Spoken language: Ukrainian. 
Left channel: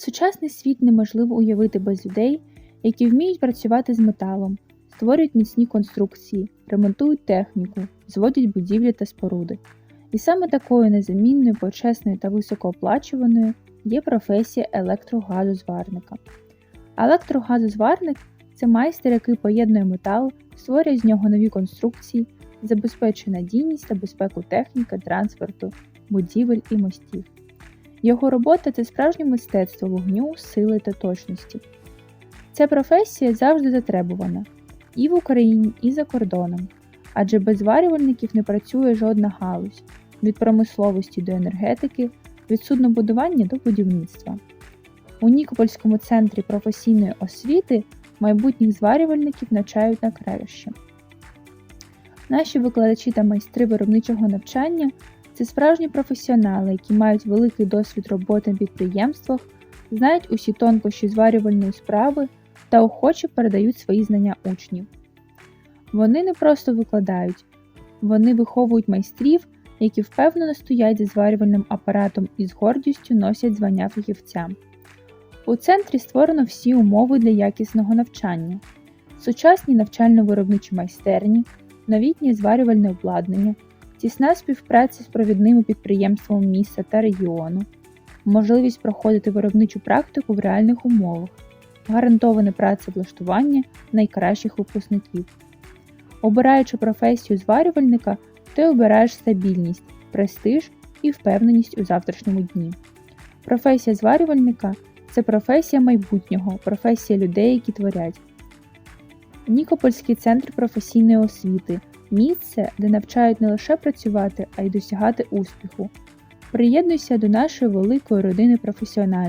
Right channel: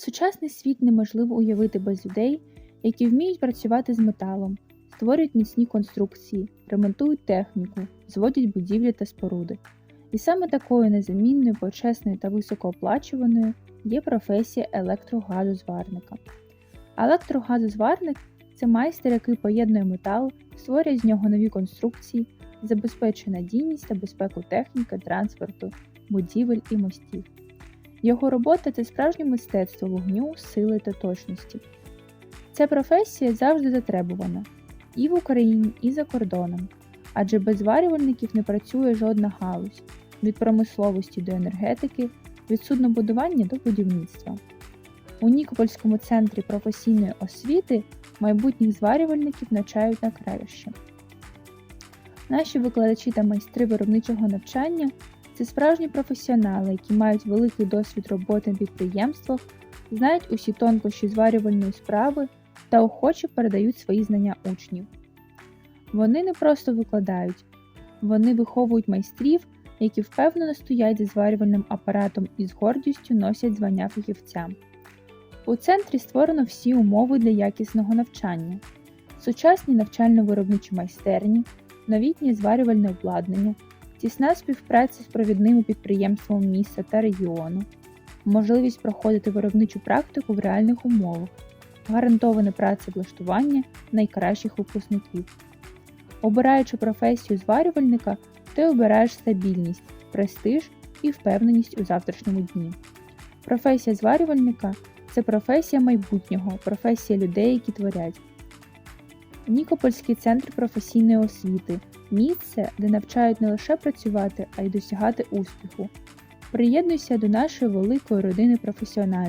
Сучасний світ неможливо уявити без людей, які вміють працювати з металом, створюють міцні конструкції, ремонтують техніку, зводять будівлі та споруди. І саме такою незамінною, почесною та високооплачуваною є професія електрогазозварника. Електрогазозварник це майстер, який поєднує метал, створює з нього нові конструкції, забезпечує надійність та безпеку техніки, транспорту, будівель і мостів. Його робота це справжнє мистецтво вогню, сили та точності. Ця професія завжди затребувана і в Україні, і за кордоном, адже без зварювальників не працює жодна галузь від промисловості до енергетики, від суднобудування до будівництва. У Нікопольському центрі професійної освіти майбутніх зварювальників навчають на краще. Наші викладачі та майстри виробничого навчання це справжні професіонали, які мають великий досвід роботи на підприємствах, знають усі тонкощі зварювальної справи та охоче передають свої знання учнів. Вони не просто викладають, вони виховують майстрів, які впевнено стоять за зварювальним апаратом і з гордістю носять звання фахівця. У центрі створено всі умови для якісного навчання, сучасні навчально-виробничі майстерні, новітнє зварювальне обладнання, тісна співпраця з провідними підприємствами міста та регіону, можливість проходити виробничу практику в реальних умовах, гарантоване працевлаштування найкращих випускників. Обираючи професію зварювальника, ти обираєш стабільність, престиж і впевненість у завтрашньому дні. Професія зварювальника це професія майбутнього, професія людей, які творять. Нікопольський центр професійної освіти місце, де навчають не лише працювати, а й досягати успіху. Приєднуйся до нашої великої родини професіоналів.